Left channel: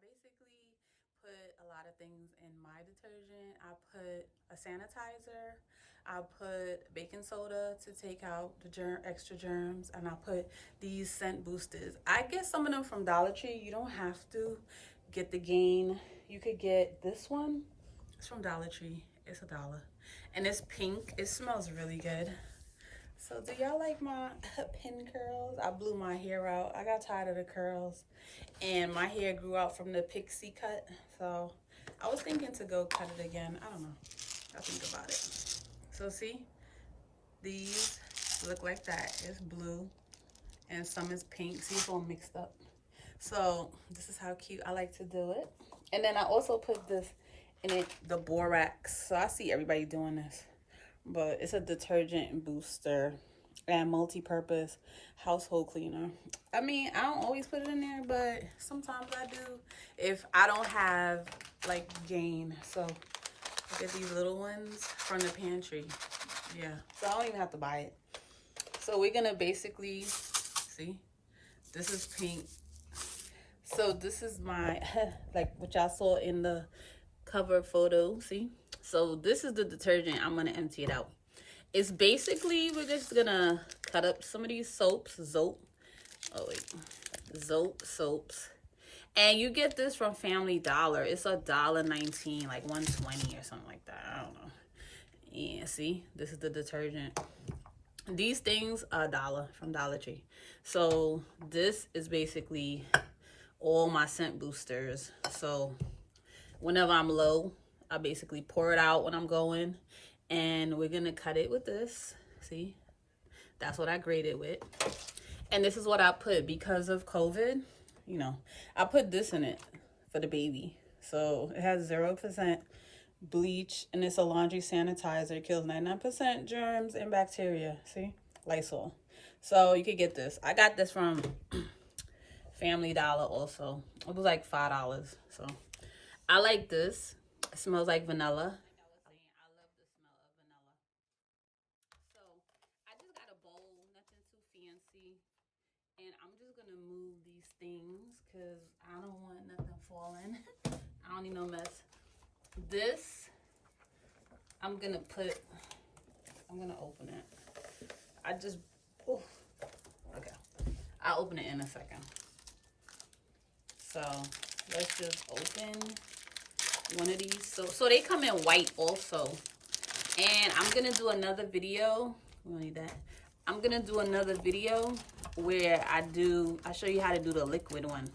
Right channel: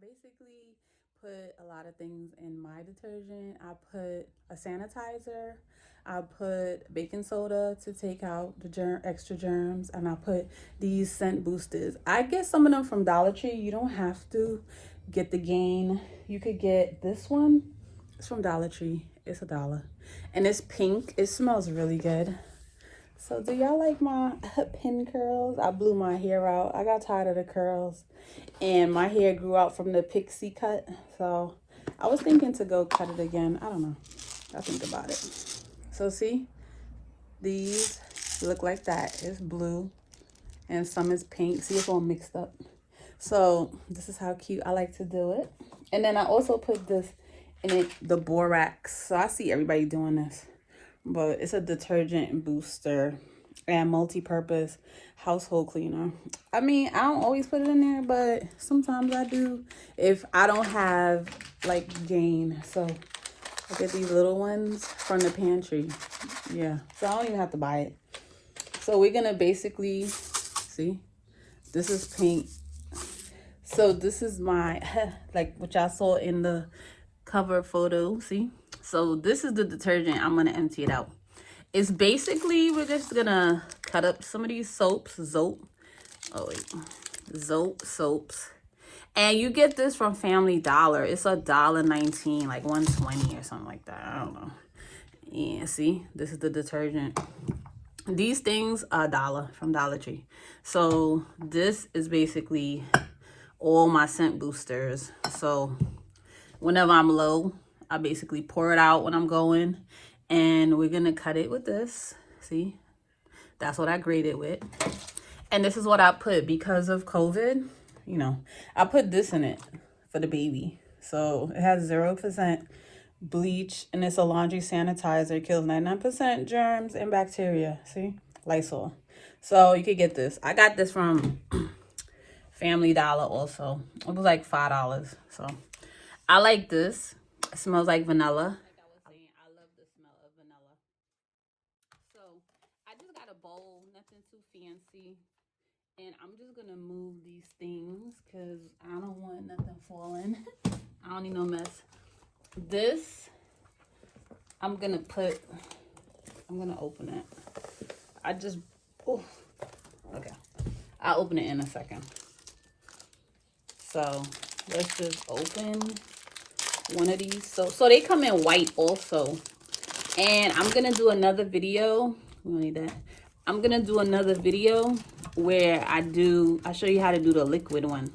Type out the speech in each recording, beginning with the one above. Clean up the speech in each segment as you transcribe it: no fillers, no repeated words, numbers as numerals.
basically put a lot of things in my detergent. I put a sanitizer, I put baking soda to take out the extra germs, and I put these scent boosters. I get some of them from Dollar Tree. You don't have to get the Gain. You could get this one. It's from Dollar Tree. It's $1. And it's pink. It smells really good. So do y'all like my pin curls? I blew my hair out. I got tired of the curls. And my hair grew out from the pixie cut. So I was thinking to go cut it again. I don't know. I'll think about it. So see, these look like that. It's blue and some is pink. See, it's all mixed up. So this is how cute I like to do it. And then I also put this in it, the borax. So I see everybody doing this, but it's a detergent booster and multi-purpose household cleaner. I mean, I don't always put it in there, but sometimes I do if I don't have like Gain. So I get these little ones from the pantry. Yeah, so I don't even have to buy it. So we're gonna basically, see, this is pink. So this is my, like what y'all saw in the cover photo, see? So this is the detergent. I'm gonna empty it out. It's basically, we're just gonna cut up some of these soaps, Zope soaps. And you get this from Family Dollar. It's $1.19, like $1.20 or something like that. I don't know. Yeah, see, this is the detergent. These things are $1 from Dollar Tree. So this is basically all my scent boosters. So whenever I'm low, I basically pour it out when I'm going. And we're gonna cut it with this. See, that's what I graded with. And this is what I put because of COVID. You know, I put this in it for the baby. So it has 0% bleach and it's a laundry sanitizer. It kills 99% germs and bacteria. See, Lysol. So you could get this. I got this from Family Dollar also. It was like $5. So I like this. It smells like vanilla. I love the smell of vanilla. So I just got a bowl, nothing too fancy. And I'm just gonna move these things because I don't want nothing falling. I don't need no mess. This, I'm gonna open it. Okay. I'll open it in a second. So let's just open one of these. So they come in white also. And I'm gonna do another video. We don't need that. I'm gonna do another video where I show you how to do the liquid one.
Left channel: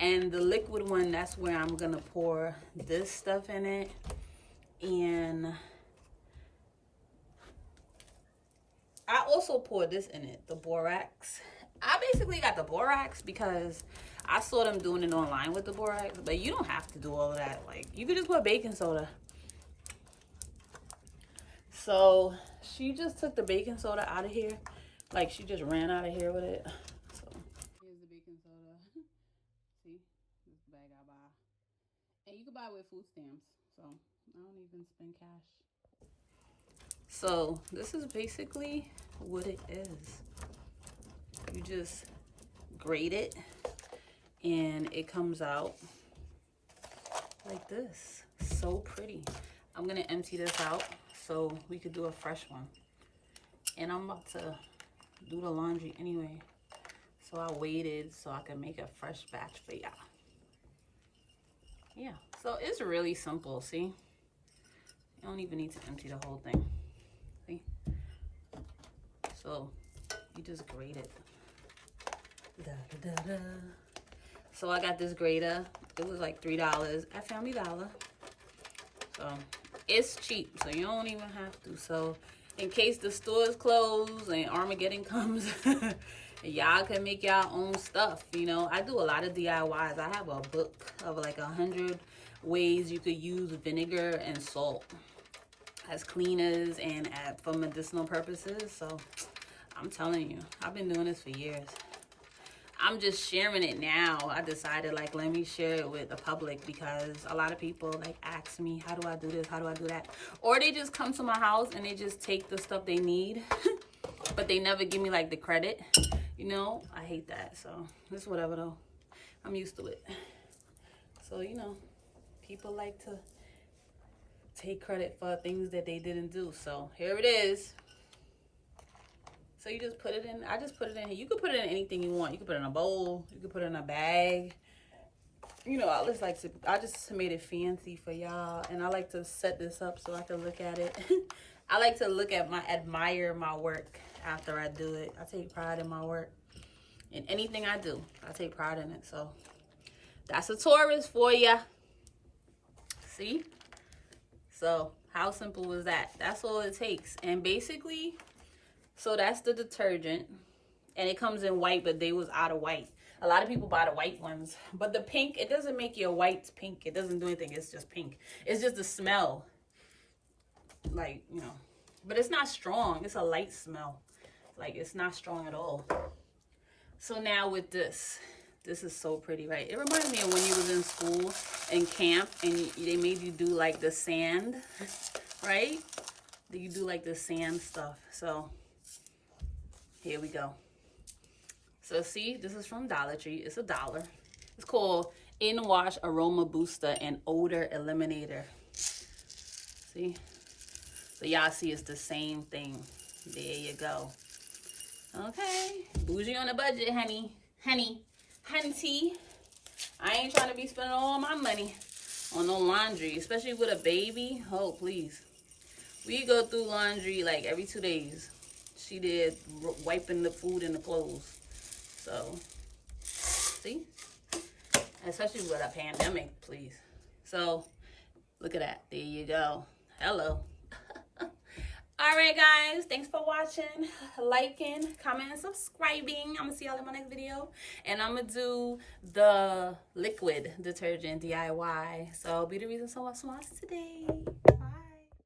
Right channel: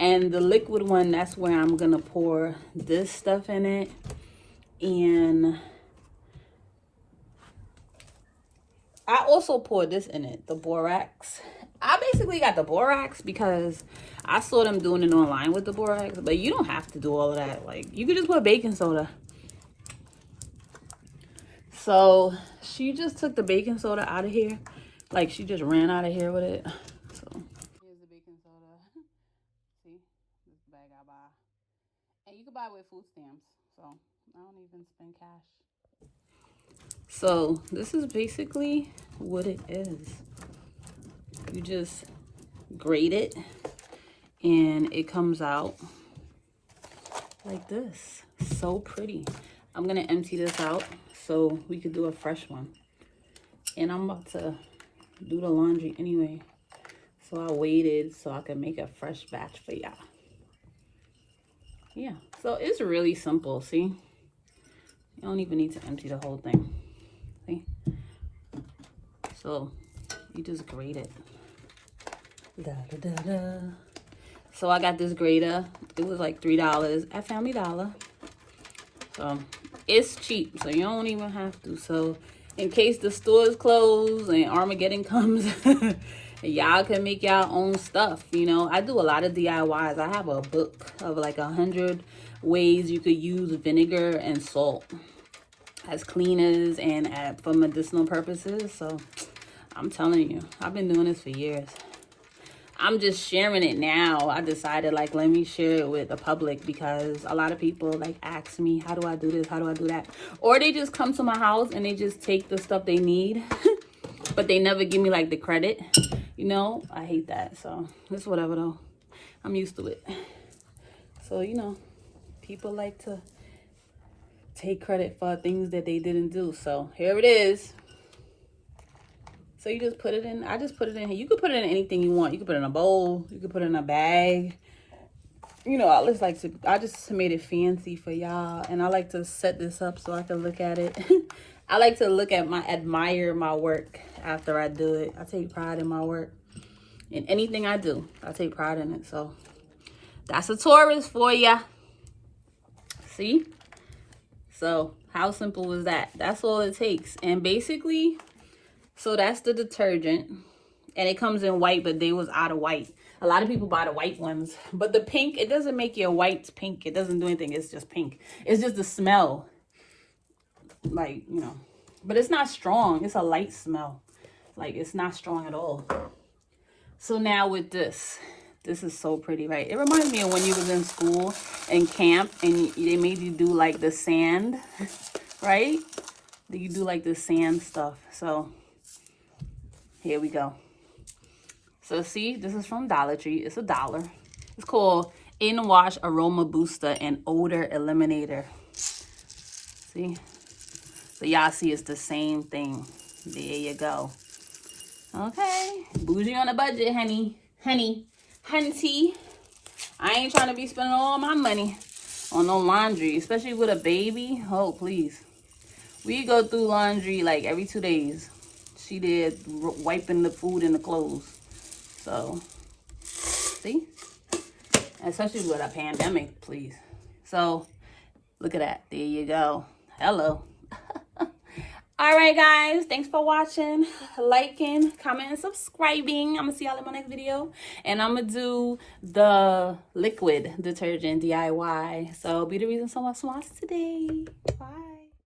And the liquid one, that's where I'm gonna pour this stuff in it. And I also pour this in it, the borax. I basically got the borax because I saw them doing it online with the borax, but you don't have to do all of that. Like, you could just put baking soda. So she just took the baking soda out of here. Like, she just ran out of here with it. So here's the baking soda. See, this bag I buy. And you can buy it with food stamps. So I don't even spend cash. So this is basically what it is. You just grate it and it comes out like this. So pretty. I'm gonna empty this out so we could do a fresh one. And I'm about to do the laundry anyway. So I waited so I could make a fresh batch for y'all. Yeah, so it's really simple, see? You don't even need to empty the whole thing, see? So you just grate it. Da, da, da, da. So I got this grater. It was like $3 at Family Dollar. So it's cheap, so you don't even have to. So in case the store is closed and Armageddon comes, y'all can make y'all own stuff. You know, I do a lot of DIYs. I have a book of like 100 ways you could use vinegar and salt as cleaners and for medicinal purposes. So I'm telling you, I've been doing this for years. I'm just sharing it now. I decided, like, let me share it with the public because a lot of people like ask me, how do I do this? How do I do that? Or they just come to my house and they just take the stuff they need, but they never give me like the credit. You know, I hate that. So it's whatever though. I'm used to it. So, you know, people like to take credit for things that they didn't do. So here it is. So you just put it in. I just put it in here. You could put it in anything you want. You could put it in a bowl. You could put it in a bag. You know, I just made it fancy for y'all. And I like to set this up so I can look at it. I like to admire my work after I do it. I take pride in my work. In anything I do, I take pride in it. So that's a Taurus for ya. See? So how simple was that? That's all it takes. And basically, so that's the detergent. And it comes in white, but they was out of white. A lot of people buy the white ones. But the pink, it doesn't make your whites pink. It doesn't do anything. It's just pink. It's just the smell. Like, you know. But it's not strong. It's a light smell. Like, it's not strong at all. So now with this. This is so pretty, right? It reminds me of when you was in school and camp and they made you do like the sand, right? You do like the sand stuff. So here we go. So see, this is from Dollar Tree. It's $1. It's called In Wash Aroma Booster and Odor Eliminator. See? So y'all see it's the same thing. There you go. Okay. Bougie on a budget, honey. Hunty. I ain't trying to be spending all my money on no laundry, especially with a baby. Oh, please. We go through laundry like every 2 days. She did wiping the food and the clothes. So, see? Especially with a pandemic, please. So, look at that. There you go. Hello. All right, guys. Thanks for watching, liking, commenting, and subscribing. I'm going to see y'all in my next video. And I'm going to do the liquid detergent DIY. So, be the reason so much smiles today. Bye.